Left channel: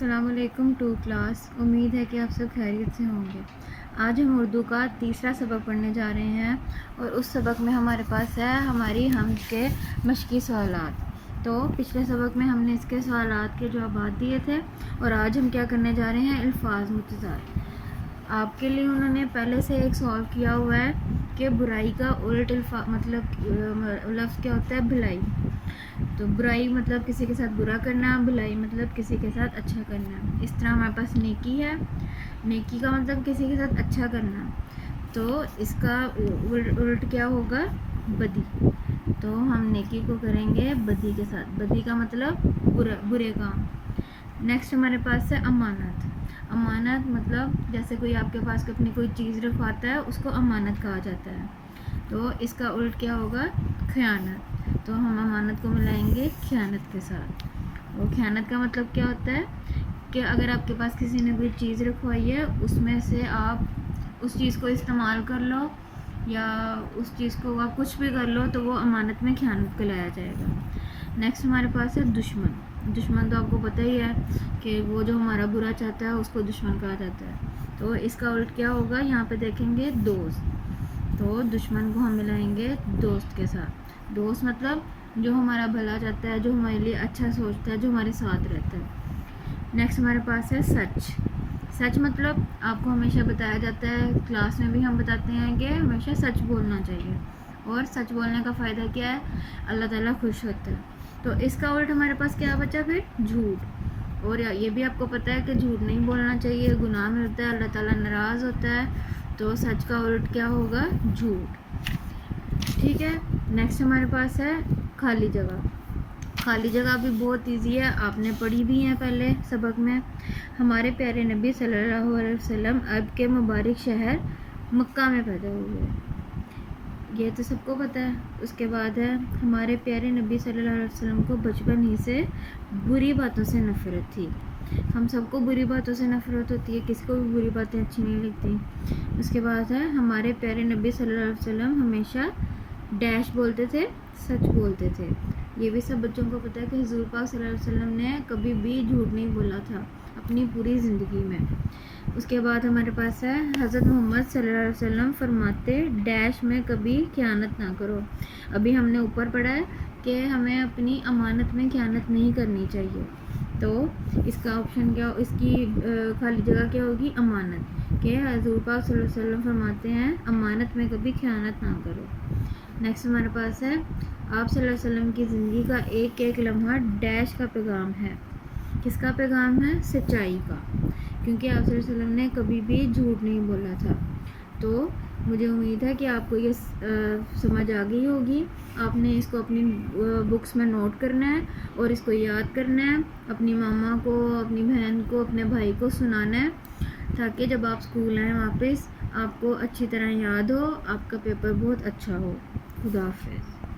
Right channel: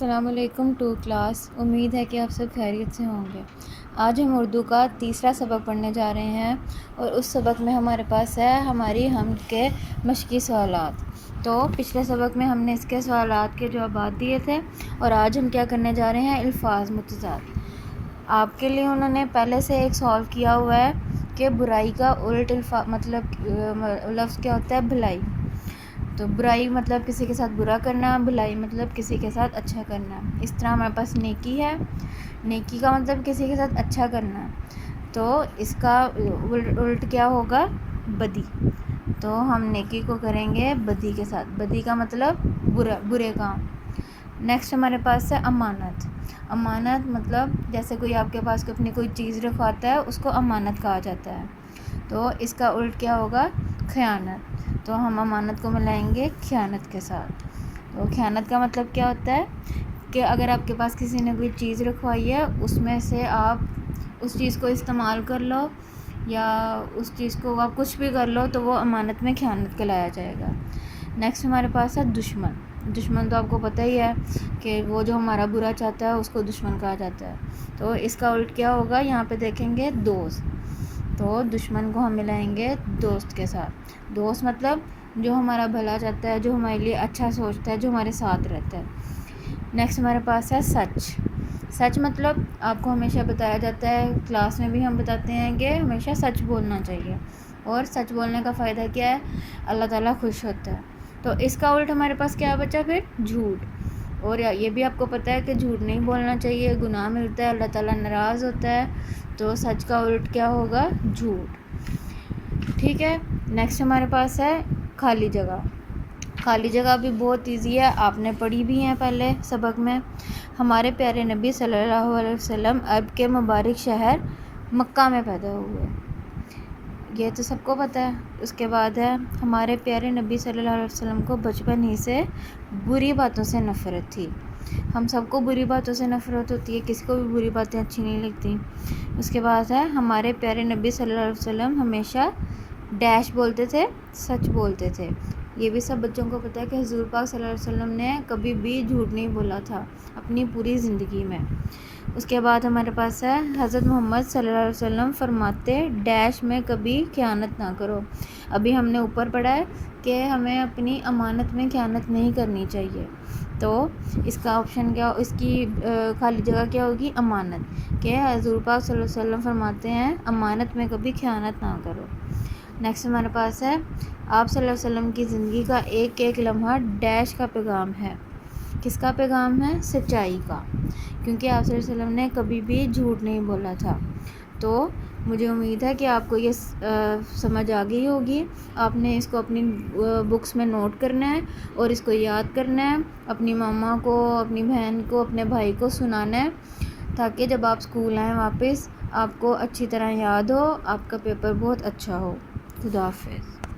السلام علیکم to class, امید ہے کہ آپ سب خیریت سے ہوں گے۔ آج ہم اردو کا تیسرا سبق پڑھنے جا رہے ہیں اور اس سبق میں ہمارے پاس ہے ہماری حمد کے مشقی سوالات۔ تو پچھلے سبق میں ہم نے اس کے سوالات کے جوابات دیے تھے اور آج ہم کیا کرنے جا رہے ہیں، الفاظ متضاد۔ آپ کے لیے انہوں نے پہلے سے ایک سالو کیا ہوا ہے کہ برائی کا الٹ لفظ کیا ہوتا ہے، بھلائی۔ تو برائی مطلب کسی کے ساتھ برا کرنا، بھلائی مطلب کسی کے ساتھ اچھا کرنا۔ اس طرح ہمارے پاس نیکی ہے، نیکی کا مطلب کسی کے ساتھ اچھا کرنا، تو اس کا الٹ کیا ہوگا، بدی۔ تو ہم نیکی کو کریں گے بدی کے ساتھ، بدی کا مطلب برے کام۔ نیکسٹ ہمارے پاس ہے امانت۔ امانت مطلب جیسے کوئی آپ کے پاس اپنی کوئی چیز رکھواتا ہے، اس کو امانت کہا جاتا ہے، تو اس کا الٹ کیا ہوگا، خیانت۔ تو ہم امانت کو ملائیں گے خیانت کے ساتھ۔ تو خیانت کا مطلب کیا ہوتا ہے کہ اگر آپ کے پاس کسی نے کوئی چیز رکھوائی ہے، اس میں سے آپ اس چیز کو استعمال کر لو یا اس چیز کو آپ کچھ بھی کر لو، تو وہ امانت میں خیانت کہلایا جائے گا۔ نیکسٹ ہمارے پاس ہے دشمن۔ دشمن تو آپ کو پتہ ہی ہے کہ وہ جو ہمارا برا چاہتا ہے اس کو دشمن کہا جاتا ہے، تو اس کا الٹ کیا ہوگا، یہاں پہ دیکھیں گے دوست۔ تو دشمن کو ہم ملائیں گے دوست کے ساتھ۔ دوست مطلب جو ہمارا بھلا چاہتا ہے، جو ہمارے لیے اچھا سوچتا ہے، جو ہمارے ساتھ رہتا ہے۔ نیکسٹ ہمارے پاس ہے سچ۔ سچ مطلب آپ کو ہمیشہ بتایا جاتا ہے، کلاس میں بھی ہم بتاتے ہیں کہ ہمیشہ سچ بولنا چاہیے، اور سچ بولنے کا فائدہ کیا ہے، اللہ تعالیٰ خوش ہوتا ہے۔ تو اس کا الٹ ہمارے پاس کیا بچا پھر، جھوٹ۔ اور یہ بھی آپ کو پتہ ہے کہ جھوٹ نہیں بولنا چاہیے، گناہ ملتا ہے، اللہ تعالیٰ ناراض ہوتا ہے، تو سچ کا الٹ کیا ہوگا، جھوٹ۔ ٹھیک ہے، نیکسٹ ہمارے پاس ہے خالی جگہ۔ خالی جگہ بھی بہت ایزی ہے، آپ نے پڑھی بھی ہیں پہلے سبق میں۔ ہمارے پیارے نبی صلی اللہ علیہ وسلم عرب کے مبارک شہر مکہ میں پیدا ہوئے، یہ تو سب کو پتہ ہے۔ اس کے بعد ہے ہمارے پیارے نبی صلی اللہ علیہ وسلم کو بچپن ہی سے بری باتوں سے نفرت تھی۔ ہم سب کو بری باتوں سے نفرت ہوتی ہے، کسی کو بھی بری باتیں اچھی نہیں لگتی۔ اس کے بعد ہے ہمارے پیارے نبی صلی اللہ علیہ وسلم ہمیشہ ڈیش بولتے تھے، سچ بولتے تھے۔ یہ بھی سب بچوں کو پتہ ہے کہ حضور پاک صلی اللہ علیہ وسلم نے کبھی بھی جھوٹ نہیں بولا تھا اپنی پوری زندگی میں۔ اس کے بعد ہمارے پاس ہے حضرت محمد صلی اللہ علیہ وسلم فرماتے ڈیش میں کبھی خیانت نہ کرو۔ ابھی ہم نے اوپر پڑھا ہے کہ ہمیں اپنی امانت میں خیانت نہیں کرنی چاہیے، تو اس کا آپشن کیا، اس کی خالی جگہ کیا ہوگی، امانت، کہ حضور پاک صلی اللہ علیہ وسلم فرماتے ہیں امانت میں کبھی خیانت نہ کرو۔ نیکسٹ ہمارے پاس ہے آپ صلی اللہ علیہ وسلم کی زندگی کا ایک ایک لمحہ ڈیش کا پیغام ہے۔ کس کا پیغام ہے، سچائی کا، کیونکہ آپ صلی اللہ علیہ وسلم نے کبھی بھی جھوٹ نہیں بولا تھا۔ تو مجھے امید ہے کہ آپ کو یہ سمجھ آ گئی ہوگی۔ آپ نے اس کو اپنی بکس میں نوٹ کرنا ہے اور اس کو یاد کرنا ہے، اپنی ماما کو، اپنی بہن کو، اپنے بھائی کو سنانا ہے، تاکہ جب آپ اسکول آئیں واپس آپ کو اچھی طرح یاد ہو، آپ کا پیپر بہت اچھا ہو۔ خدا حافظ۔